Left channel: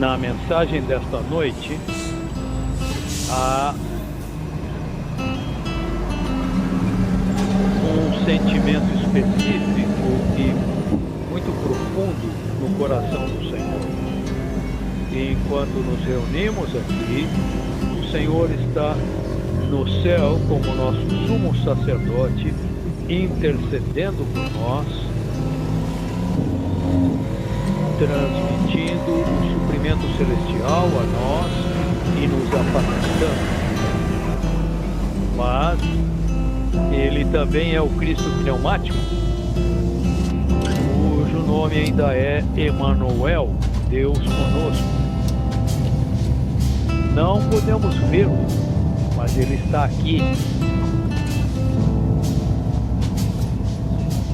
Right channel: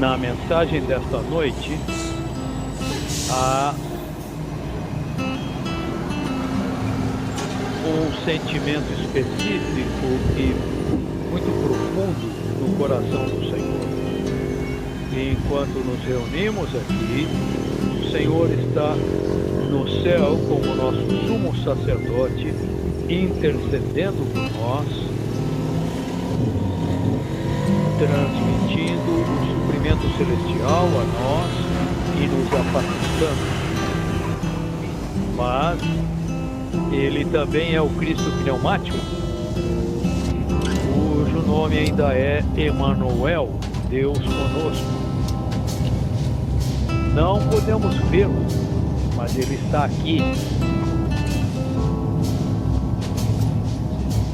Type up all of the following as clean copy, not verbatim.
Na mensagem desta noite, há um sentimento específico e muito profundo no coração do Senhor. E enquanto nos reunimos aqui, o Senhor está no céu como nosso sumo sacerdote, intercedendo por nós, transmitindo o suprimento celestial a nós e nos apacentando. Mas ele também é o Cristo pneumático, cujo nome ainda é Emanuel, Deus conosco. Não podemos vê-lo, mas ele está aqui.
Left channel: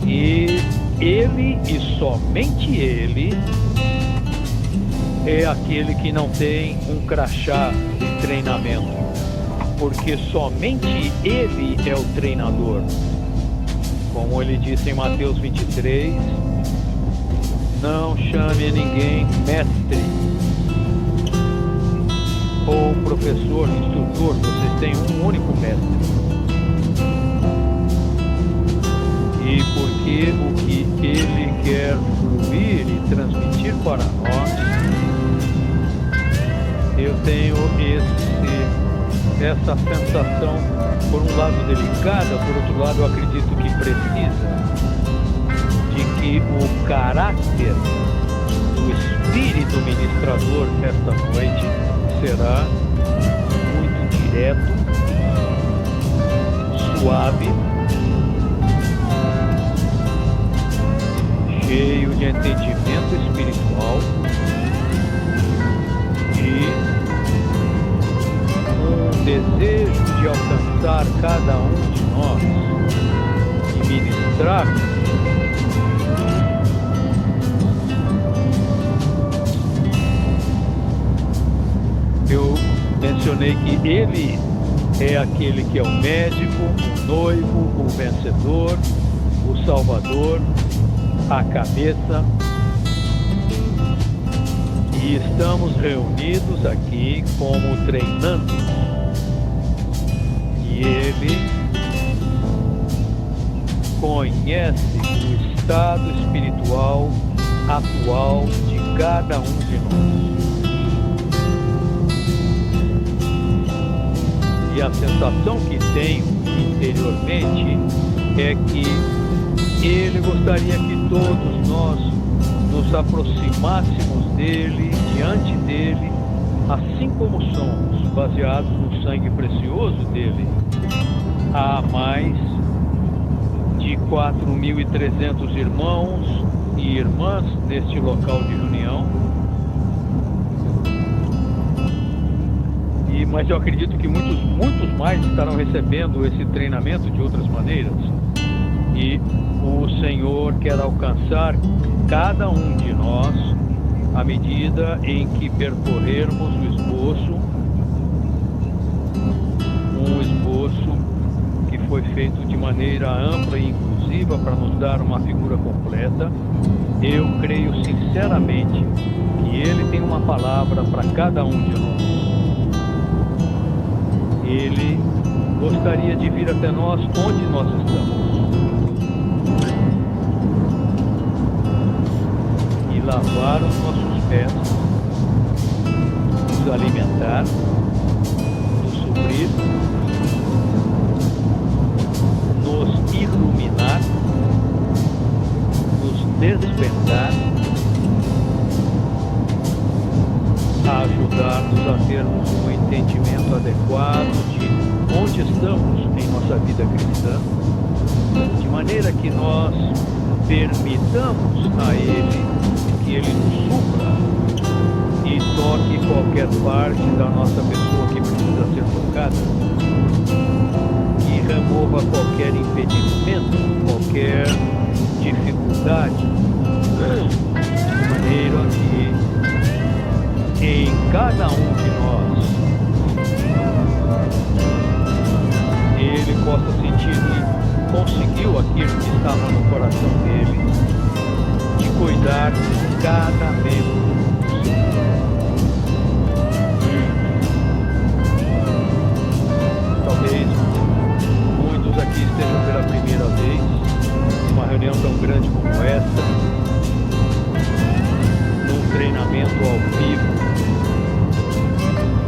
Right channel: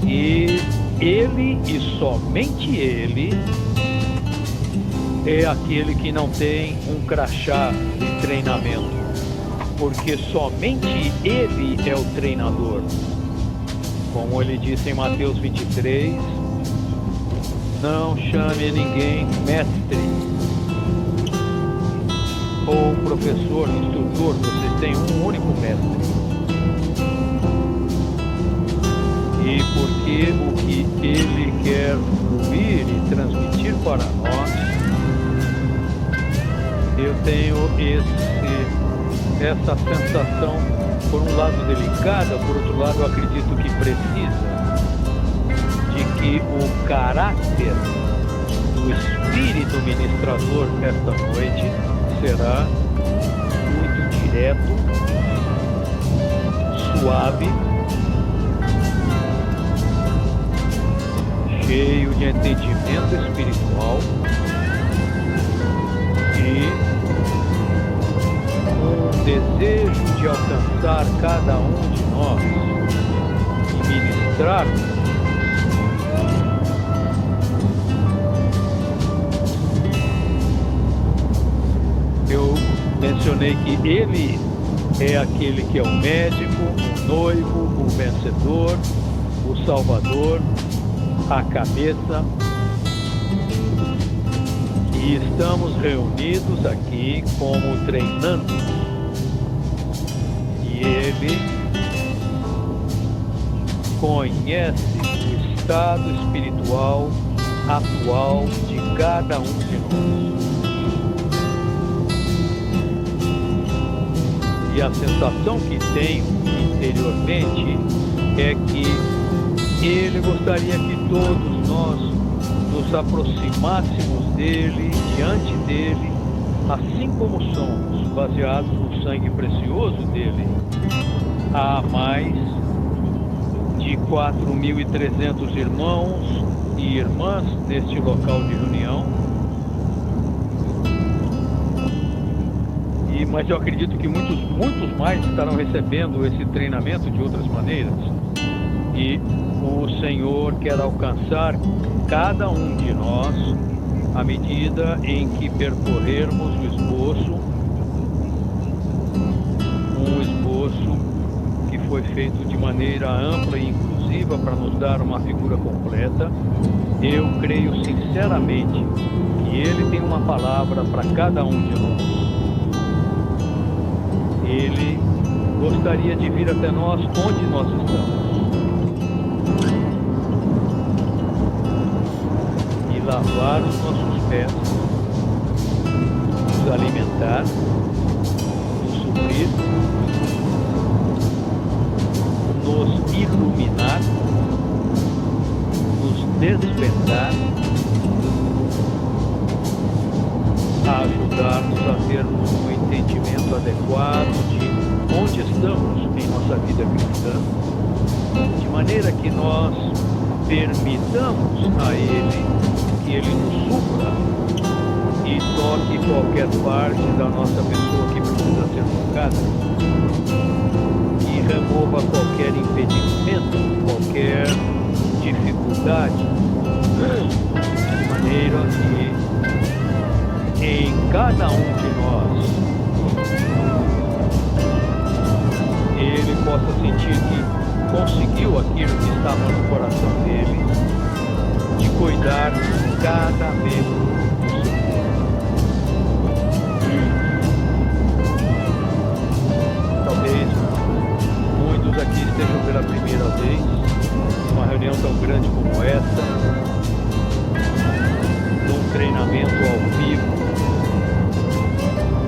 E ele, e somente ele, é aquele que não tem um crachá de treinamento, porque somente ele é o treinador. Como ele disse em Mateus 23, não chame ninguém mestre ou professor, instrutor, vocês têm um único mestre. E porque o que ele quer fluir e transmitir para nós, eu tenho essa sensação, por um lado delicada, por outro lado eu acredito que precisa, de que o caráter do Espírito ministrador esta noite será muito direto, suave, cheio de entendimento espiritual e um desejo de alcançar cada um de nós e ministrar. Eu mencionei que ele é aquele que é o médico, o noivo, o vencedor, o salvador, a cabeça, e estamos reunidos aqui como treinandos, e ele conhece o estado espiritual atual de cada um de nós. E a sensação que tenho interiormente é que ele gostaria que todos nós nos aproximássemos dele, diante dele, assim como somos, baseados no sangue precioso dele. Há mais de 4.300 irmãos e irmãs neste local de reunião. Mas eu acredito que muitos mais estarão recebendo esse treinamento de outras maneiras. E o Senhor quer alcançar cada um de nós à medida em que percorrermos o esboço, um esboço que foi feito de maneira ampla e inclusiva para nos dar uma figura completa. Eu creio sinceramente que Ele tem uma palavra para cada um de nós. Ele gostaria de vir até nós onde nós estamos e lavar os nossos pés, nos alimentar, nos suprir, nos iluminar, nos despertar, a ajudar-nos a termos um entendimento adequado de onde estamos em nossa vida cristã, de maneira que nós permitamos a Ele que Ele nos supra e toque qualquer parte da nossa pessoa que precisa ser tocada, que remova qualquer impedimento, qualquer dificuldade, de maneira que em cada um de nós ele possa sentir que conseguiu aquilo que estava no coração dele, de cuidar de cada membro do seu corpo. que estejam pela primeira vez numa reunião tão grande como essa, num treinamento ao vivo,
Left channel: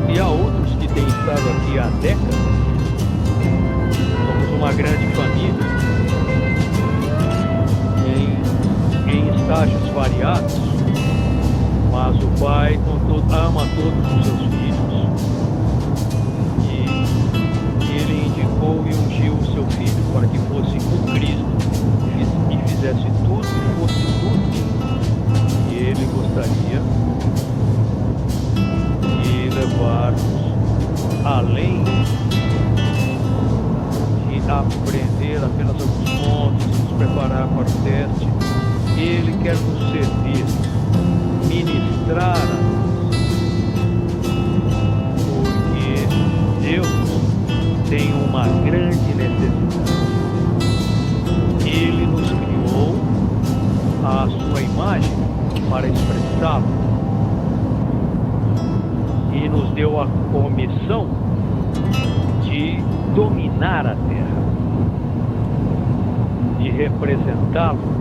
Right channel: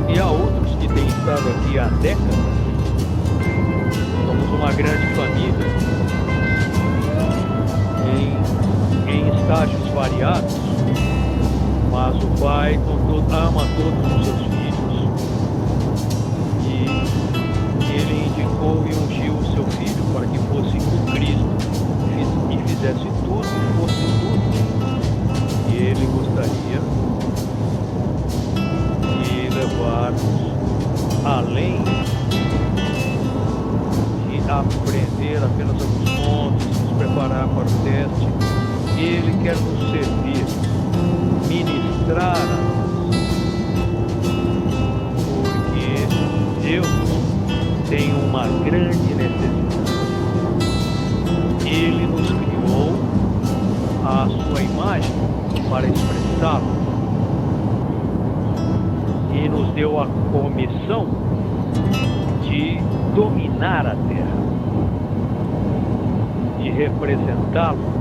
e há outros que têm estado aqui há décadas. Somos uma grande família, em estágios variados, mas o Pai ama todos os seus filhos, e Ele indicou e ungiu o seu Filho para que fosse o Cristo e fizesse tudo e fosse tudo. E Ele gostaria de levar-nos além de aprender apenas alguns pontos, nos preparar para o teste. Ele quer nos servir, ministrar a nós, porque Deus tem uma grande necessidade. Ele nos criou à sua imagem para expressá-lo e nos deu a comissão de dominar a terra, de representá-lo,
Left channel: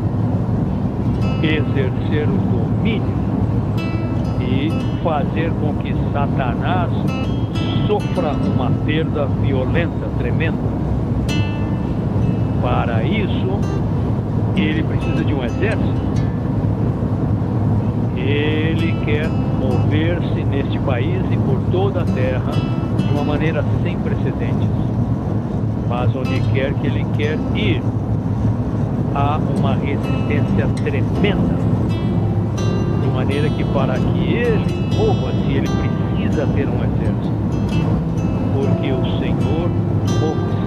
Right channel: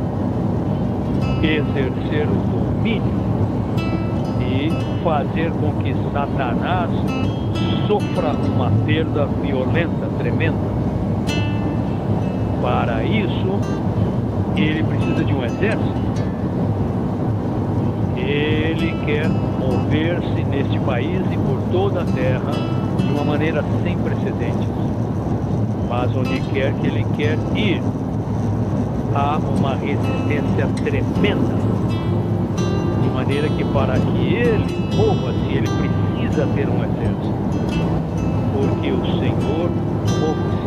exercer o domínio e fazer com que Satanás sofra uma perda violenta, tremenda. Para isso, ele precisa de um exército. Ele quer mover-se neste país e por toda a terra de uma maneira sem precedentes. Mas onde quer que ele quer ir, há uma resistência tremenda, de maneira que para que ele mova-se, ele precisa ter um exército, porque o Senhor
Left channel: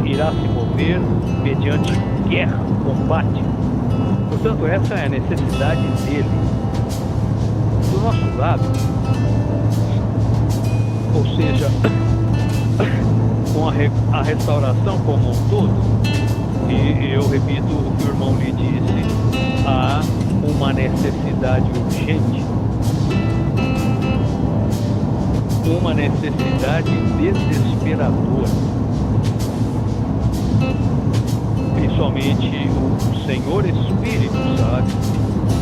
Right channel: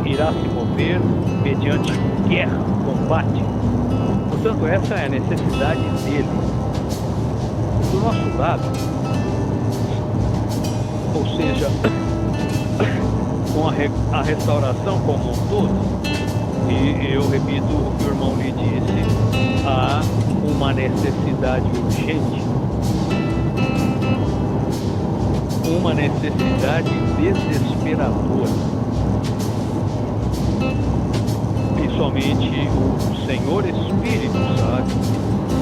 irá se mover mediante guerra, combate. Portanto, essa é a necessidade dele. Do nosso lado, ou seja, com a restauração como um todo, e eu repito o que o irmão lhe disse, há uma necessidade urgente, uma necessidade desesperadora. Principalmente o Senhor Espírito sabe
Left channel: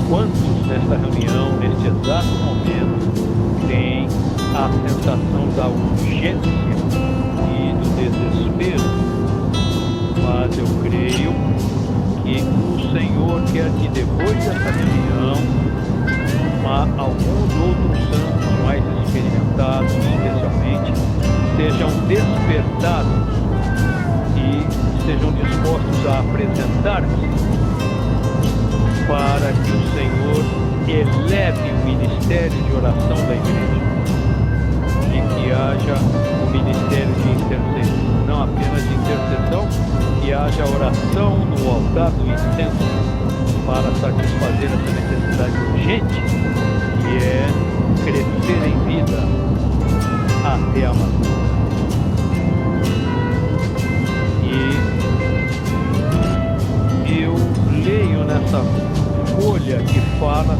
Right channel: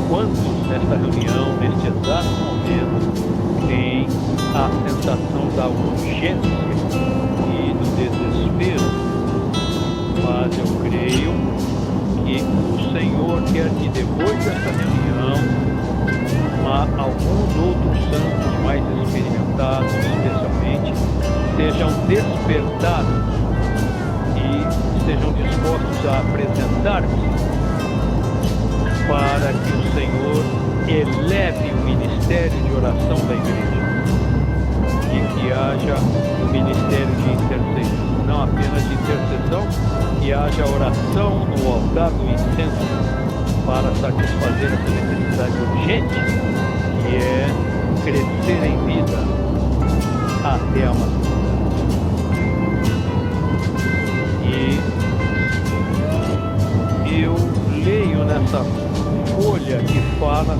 quantos nesta reunião, neste exato momento, têm a sensação da urgência e do desespero. Mas eu creio que o Senhor quer que depois dessa reunião, alguns outros santos mais experimentados, especialmente, sejam despertados e estejam dispostos a apresentar-se para que o Senhor eleve o ministério de oração da igreja e que haja o ministério de intercessão. Não apenas de intercessão, que haja oração no altar do incenso para satisfazer essa necessidade urgente, que é crescer em vida até a maturidade. E eu leio nessa folha que fala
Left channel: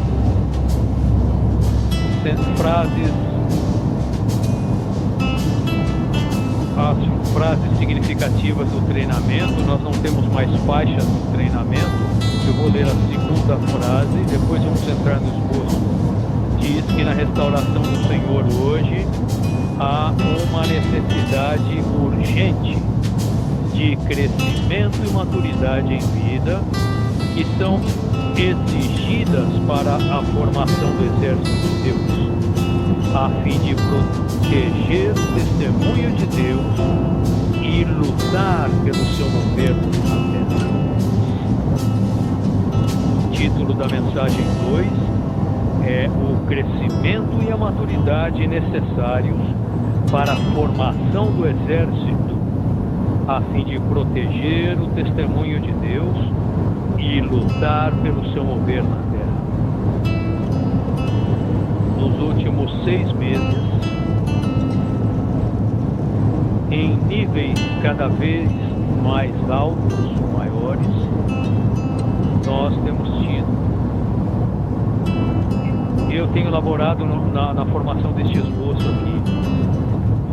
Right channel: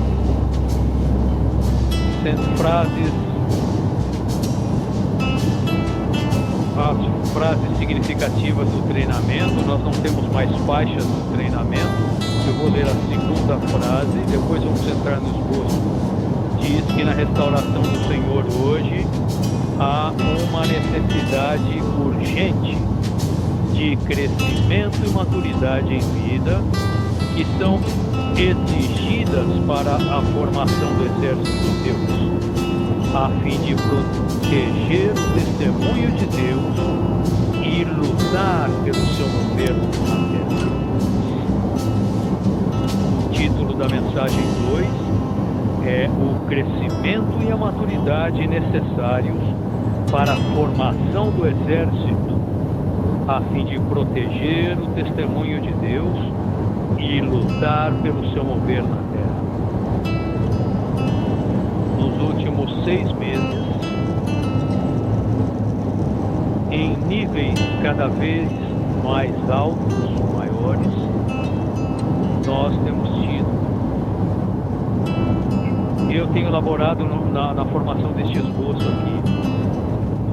as frases significativas do treinamento. Nós não temos mais faixas no treinamento. Eu vou ler a segunda frase e depois vamos entrar no esboço. Diz que na restauração do Senhor hoje há uma necessidade urgente de crescimento e maturidade em vida que são exigidas para a formação do exército de Deus, a fim de proteger o testemunho de Deus e lutar pelo seu governo na terra. O título da mensagem 2 é o crescimento e a maturidade necessários para a formação do exército, a fim de proteger o testemunho de Deus e lutar pelo seu mover na terra. Nos últimos 6 meses, em níveis cada vez mais altos, maiores, nós temos tido. Eu tenho elaborado na formação deste esboço aqui,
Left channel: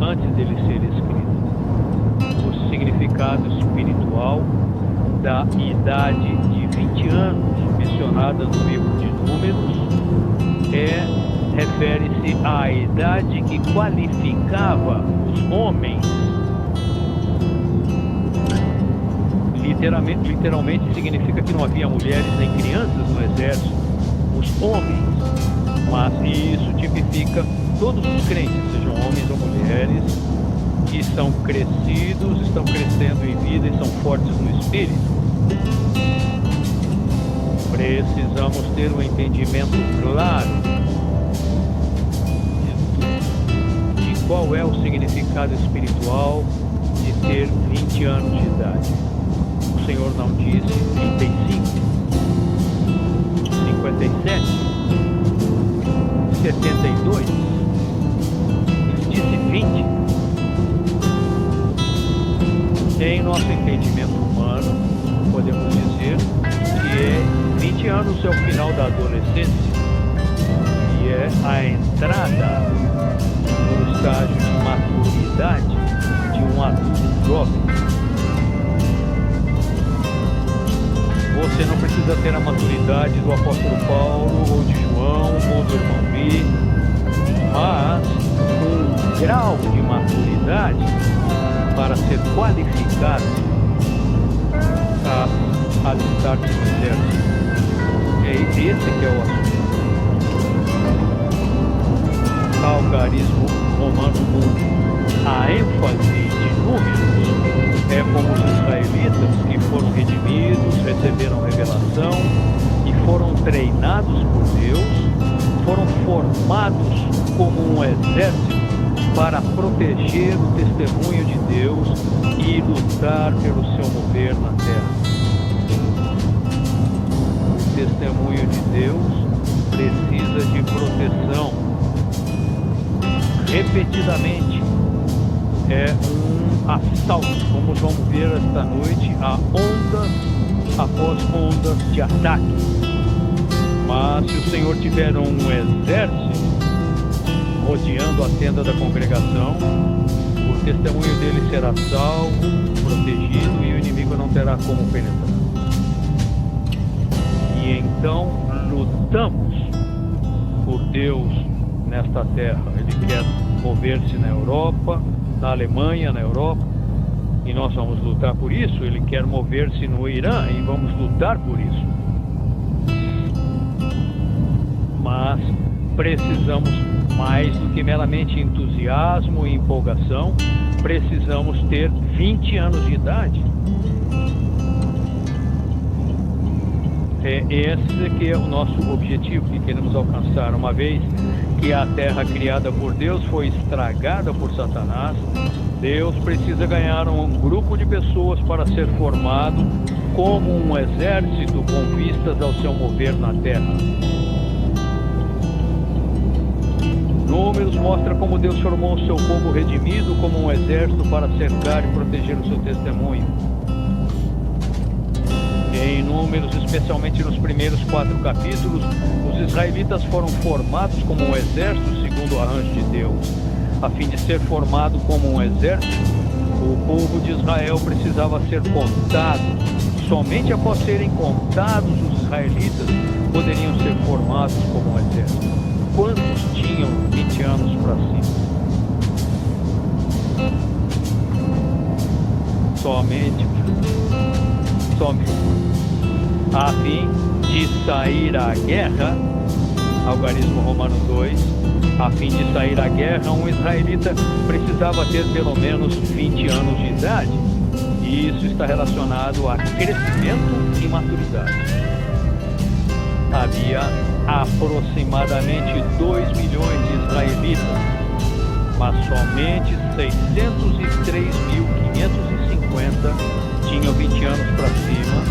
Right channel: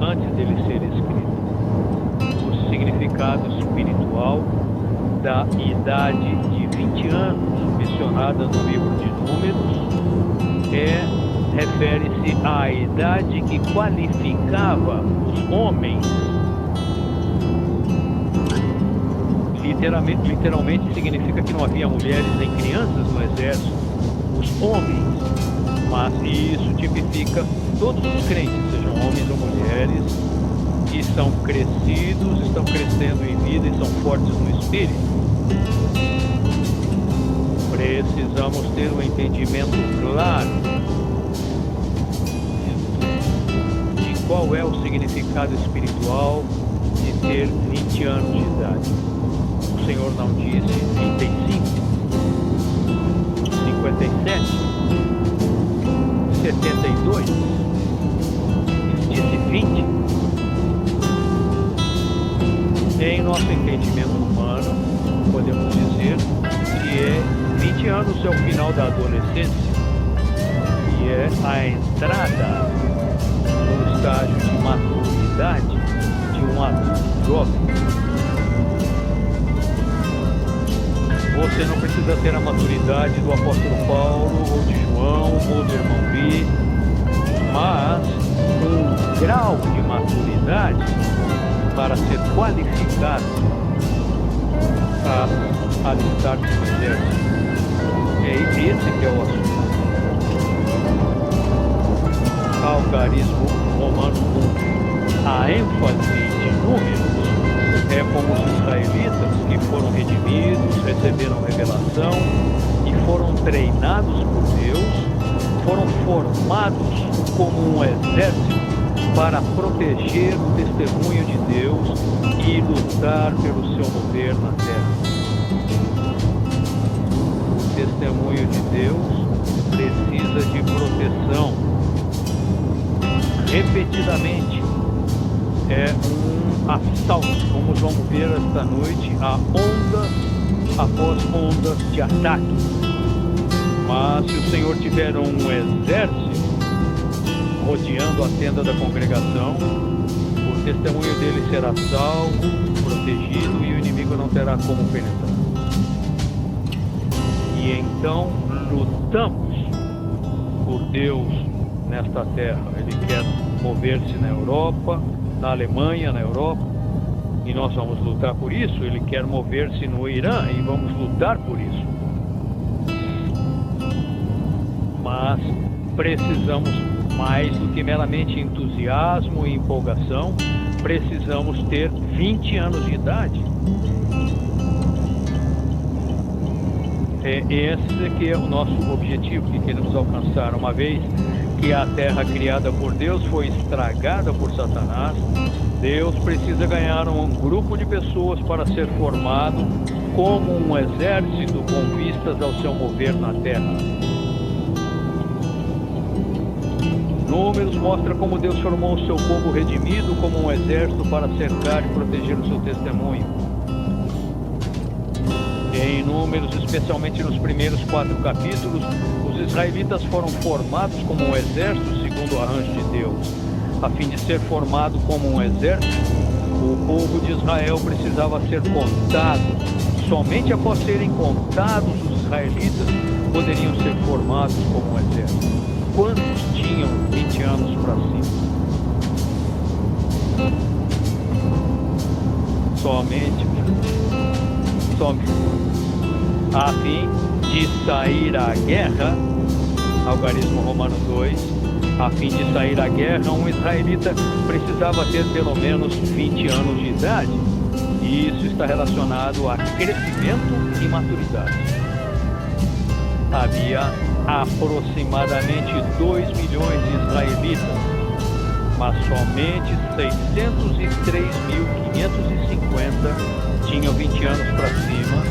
antes dele ser escrito, os significado espiritual da idade de 20 anos mencionada no livro de Números refere-se à idade que qualificava os homens. Literalmente significa que não havia mulheres nem crianças no exército, os homens. Mas isso tipifica todos os crentes, sejam homens ou mulheres, que são crescidos, estão crescendo em vida e são fortes no espírito. Precisamos ter um entendimento claro de qual é o significado espiritual de ter 20 anos de idade. O Senhor não disse 35, 57, 72, ele disse 20. Em nosso entendimento humano, podemos dizer que 20 anos é o final da adolescência e é a entrada no estágio de maturidade de um adulto jovem. Você não precisa ter a maturidade do apóstolo Paulo, ou de João, ou do irmão Bi, mas um grau de maturidade para ser qualificado a alistar-se no exército. É esse que é o assunto. Algarismo Romano 1. A ênfase de Números é como os israelitas que foram redimidos, receberam revelação e foram treinados por Deus, foram formados como um exército para proteger o testemunho de Deus e lutar pelo seu mover na terra. O testemunho de Deus precisa de proteção. Repetidamente é um assalto, como vamos ver esta noite, a ondas após ondas de ataque. Mas se o Senhor tiver um exército rodeando a tenda da congregação, o testemunho dele será salvo, protegido e o inimigo não terá como penetrar. E então lutamos por Deus nesta terra. Ele quer mover-se na Europa, na Alemanha, na Europa, e nós vamos lutar por isso. Ele quer mover-se no Irã e vamos lutar por isso. Mas precisamos mais do que meramente entusiasmo e empolgação, precisamos ter 20 anos de idade. Esse que é o nosso objetivo que queremos alcançar. Uma vez que a terra criada por Deus foi estragada por Satanás, Deus precisa ganhar um grupo de pessoas para ser formado como um exército com vistas ao seu mover na terra. Números mostra como Deus formou o seu povo redimido como um exército para cercar e proteger o seu testemunho. Em Números, especialmente nos primeiros 4 capítulos, os israelitas foram formados como um exército segundo o arranjo de Deus. A fim de ser formado como um exército, o povo de Israel precisava ser contado. Somente após serem contados, os israelitas poderiam ser formados como um exército. Quantos tinham 20 anos para cima? Somente a fim de sair à guerra, algarismo romano 2, a fim de sair à guerra, um israelita precisava ter pelo menos 20 anos de idade. E isso está relacionado a crescimento e maturidade. Havia aproximadamente 2 milhões de israelitas, mas somente 603.550 tinham 20 anos para cima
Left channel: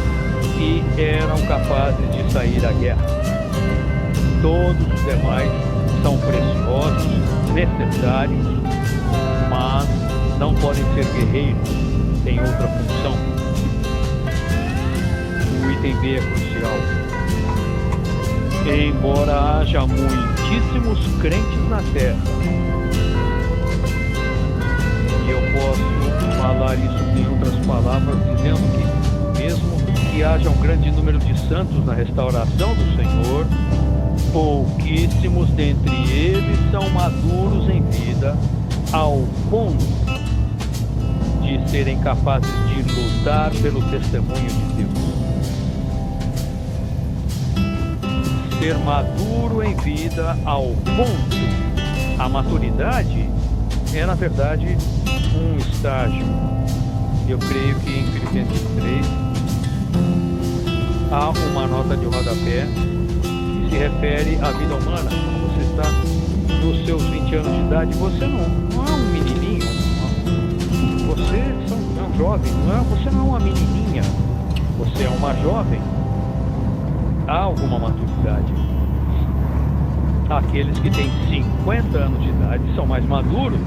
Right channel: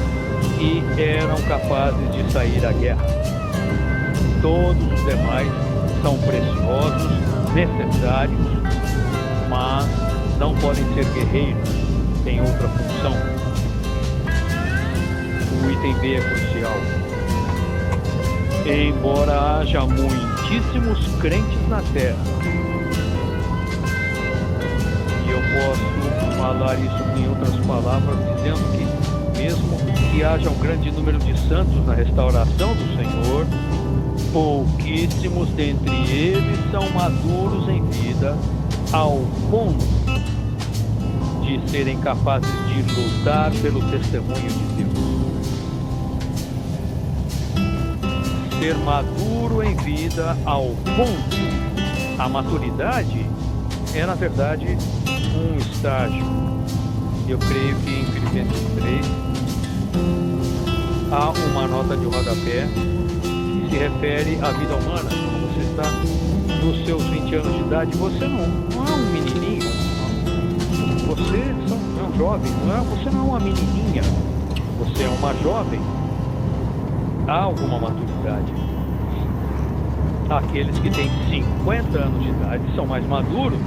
e eram capazes de sair à guerra. Todos os demais são preciosos, necessários, mas não podem ser guerreiros, têm outra função. O item B é crucial. Embora haja muitíssimos crentes na terra E eu posso falar isso em outras palavras, dizendo que mesmo que haja um grande número de santos na restauração do Senhor, pouquíssimos dentre eles são maduros em vida, ao ponto de serem capazes de lutar pelo testemunho de Deus. Ser maduro em vida ao ponto. A maturidade é, na verdade, um estágio. Eu creio que em Filipenses 3 há uma nota de rodapé que se refere à vida humana. Quando você está nos seus 20 anos de idade, você não é um menininho, você é um jovem, você não é uma menininha, você é uma jovem. Há alguma maturidade. Aqueles que têm 50 anos de idade são mais maduros,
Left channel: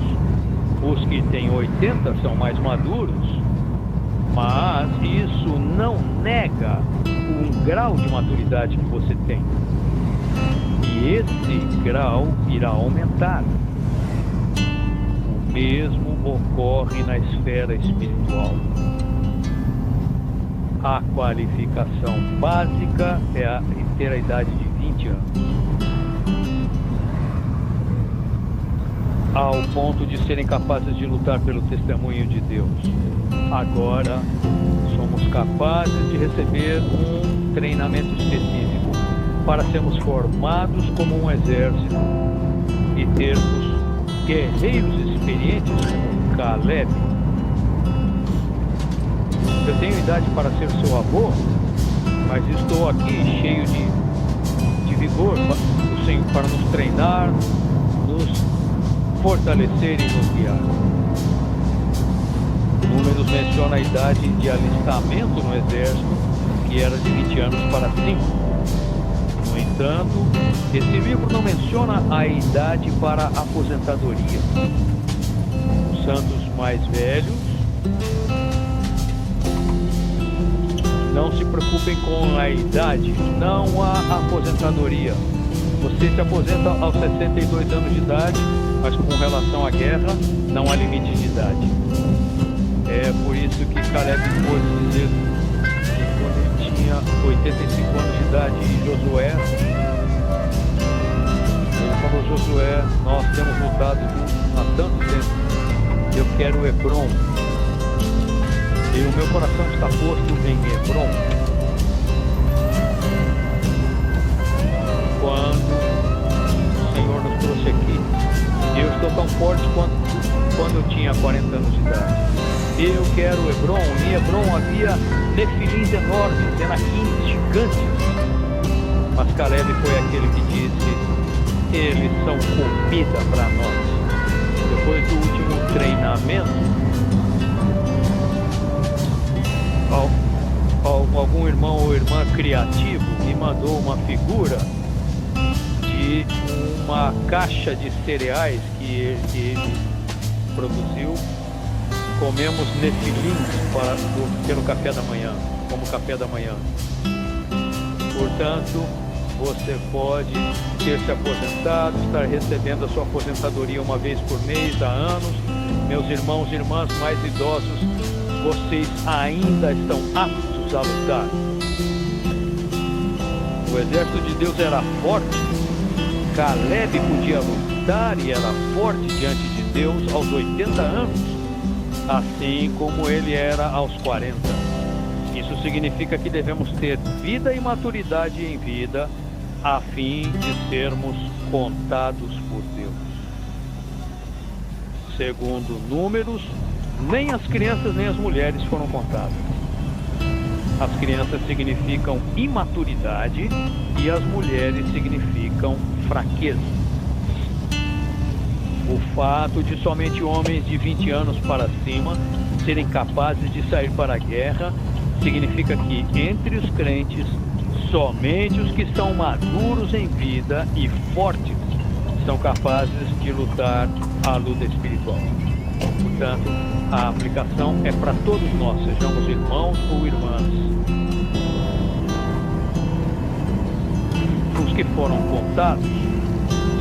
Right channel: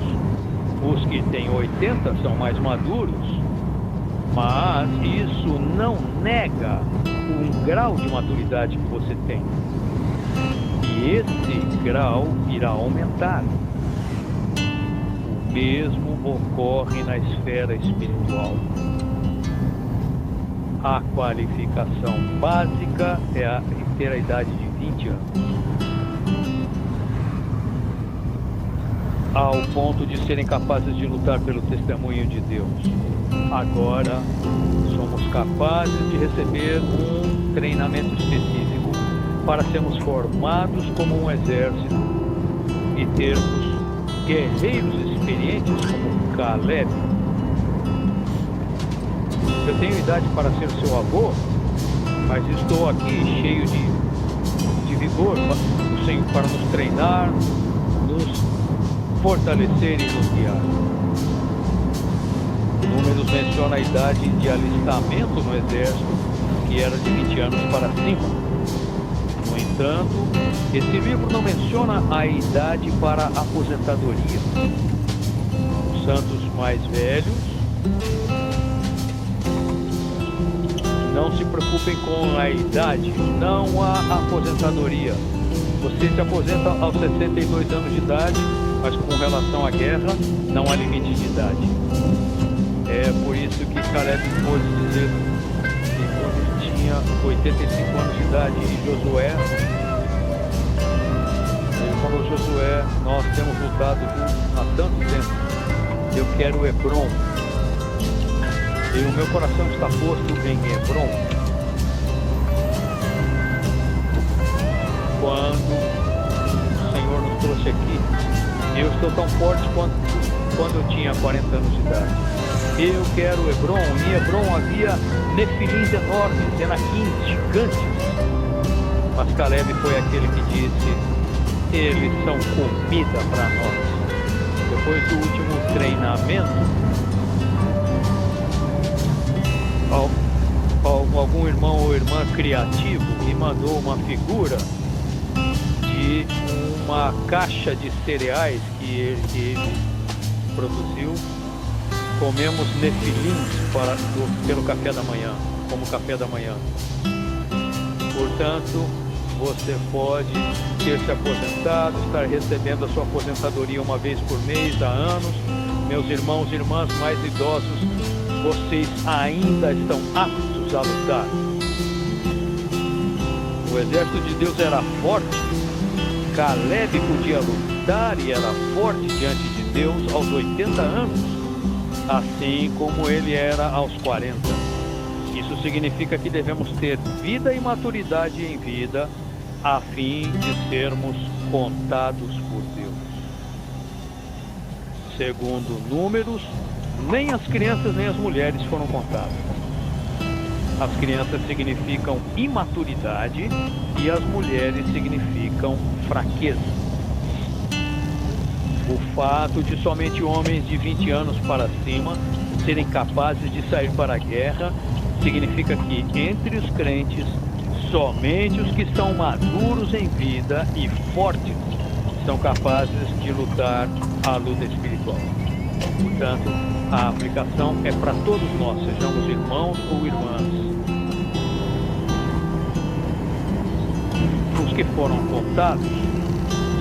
os que têm 80 são mais maduros, mas isso não nega um grau de maturidade que você tem. E esse grau irá aumentar. O mesmo ocorre na esfera espiritual. A qualificação básica é ter a idade de 20 anos. Ao ponto de serem capazes de lutar pelo testemunho de Deus. Agora, somos capazes de receber um treinamento específico para sermos formados como um exército e termos guerreiros experientes como Caleb. Eu tenho idade para ser seu avô, mas estou aqui cheio de vigor do Senhor para nos treinar, nos fortalecer e nos guiar. Números menciona a idade de alistamento no exército, que era de 20 anos para 5. No entanto, esse livro não menciona a idade para aposentadoria. Os santos mais velhos não se preocupem com a idade, não há aposentadoria. Você se aposenta aos 62 anos de idade, mas com relação à guerra, não há limite de idade. É por isso que Caleb pôde dizer que quando ele tinha 85 anos de idade, e Josué, ele falou: Josué, nós temos lutado juntos há tanto tempo, eu quero Hebron. E o meu coração está posto em Hebron. Quando o Senhor nos trouxe aqui, eu estou tão forte quanto quando eu tinha 40 anos de idade. Eu quero Hebron. Em Hebron havia nefilins enormes, enaquins, gigantes. Mas Caleb foi aquele que disse: eles são comida para nós. Depois do último treinamento, algum irmão ou irmã criativo me mandou uma figura de uma caixa de cereais que ele produziu. Comemos nefilins pelo café da manhã, como café da manhã. Portanto, você pode ter se aposentado, estar recebendo a sua aposentadoria uma vez por mês há anos. Meus irmãos e irmãs mais idosos, vocês ainda estão aptos a lutar. O exército de Deus era forte. Caleb podia lutar e era forte diante de Deus aos 80 anos, assim como ele era aos 40. Isso significa que devemos ter vida e maturidade em vida, a fim de sermos contados por Deus. Segundo Números, nem as crianças nem as mulheres foram contadas. As crianças significam imaturidade e as mulheres significam fraqueza. O fato de somente homens de 20 anos para cima serem capazes de sair para a guerra significa que entre os crentes, somente os que são maduros em vida e fortes são capazes de lutar a luta espiritual. Portanto, a aplicação é para todos nós, sejamos irmãos ou irmãs. Os que foram contados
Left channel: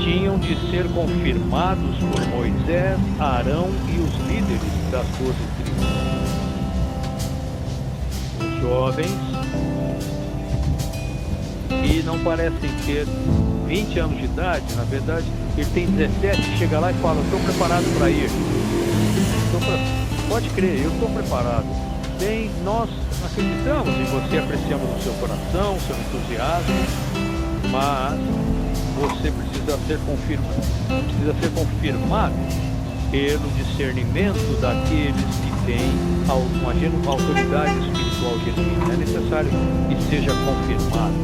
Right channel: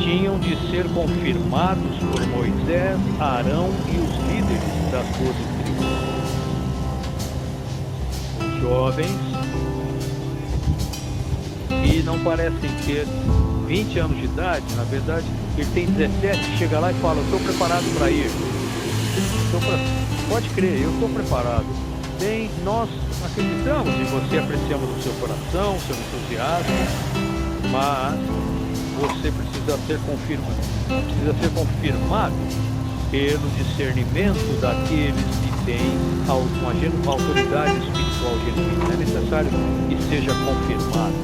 tinham de ser confirmados por Moisés, Arão e os líderes das 12 tribos. Os jovens que não parecem ter 20 anos de idade, na verdade, ele tem 17, chega lá e fala: estou preparado para ir. Pode crer, eu estou preparado. Bem, nós acreditamos em você, apreciamos o seu coração, o seu entusiasmo, mas você precisa ser confirmado pelo discernimento daqueles que têm uma autoridade espiritual genuína. É necessário que seja confirmado.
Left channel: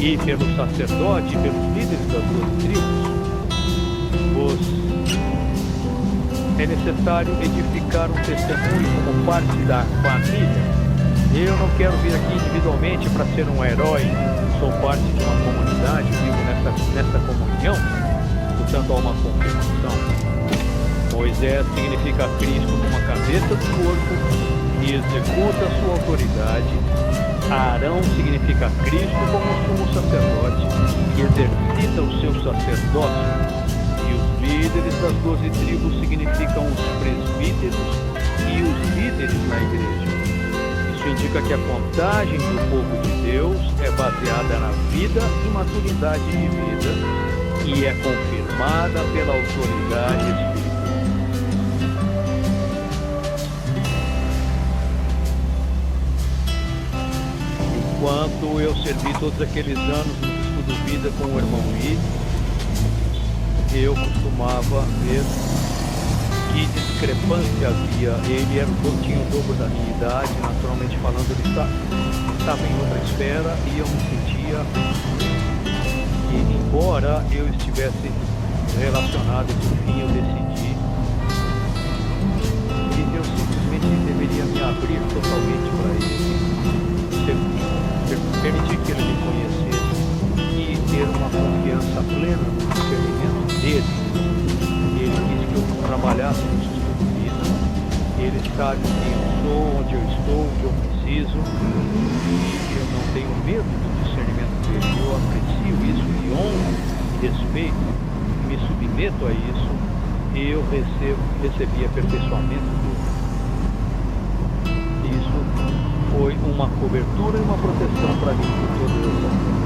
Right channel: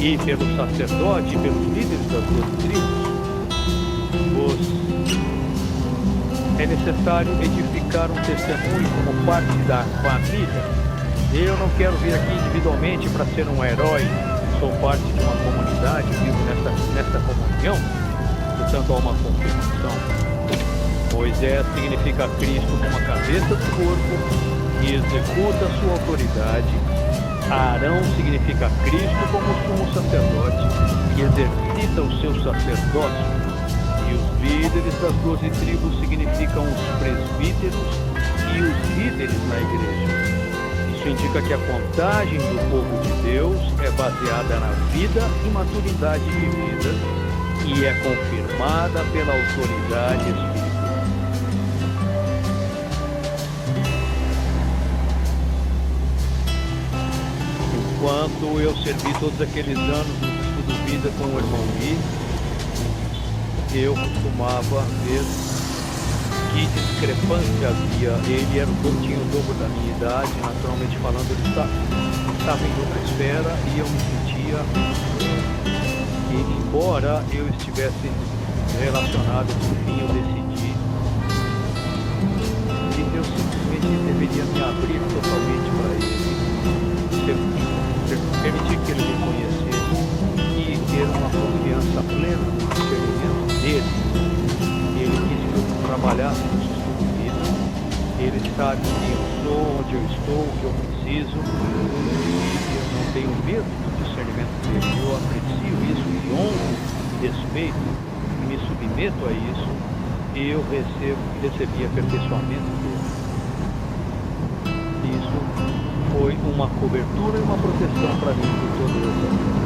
E pelo sacerdote, pelos líderes das 12 tribos, é necessário edificar um testemunho como parte da família. Eu não quero vir aqui individualmente para ser um herói, sou parte de uma comunidade, vivo nessa comunhão, portanto há uma confirmação. Moisés significa Cristo como a cabeça do corpo e executa a sua autoridade. Arão significa Cristo como sumo sacerdote que exercita o seu sacerdócio. E os líderes das 12 tribos significam os presbíteros e os líderes na igreja. Isso indica que a contagem do povo de Deus é baseada na vida e maturidade de vida e é confirmada pela autoridade espiritual. Enquanto eu servi todos aqueles anos no estudo vida com o irmão Lee, eu costumava ver que discrepância havia. Ele tinha o dobro da minha idade, naturalmente falando, ele estava em outra esfera e eu me sentia que, embora eu estivesse relacionado, por fim eu decidi que eu simplesmente deveria me abrir totalmente para ele, permitir que ele me conhecesse e ter uma confiança plena no discernimento dele. Ele quis que eu trabalhasse no estudo vida. Ele sabe quem eu sou, onde eu estou, o que eu preciso, e eu não tenho medo do discernimento dele. Eu aprecio isso e honro e respeito e me submeto a isso, e eu recebi aperfeiçoamento dele. Isso foi uma cobertura e uma proteção para mim por todas as horas.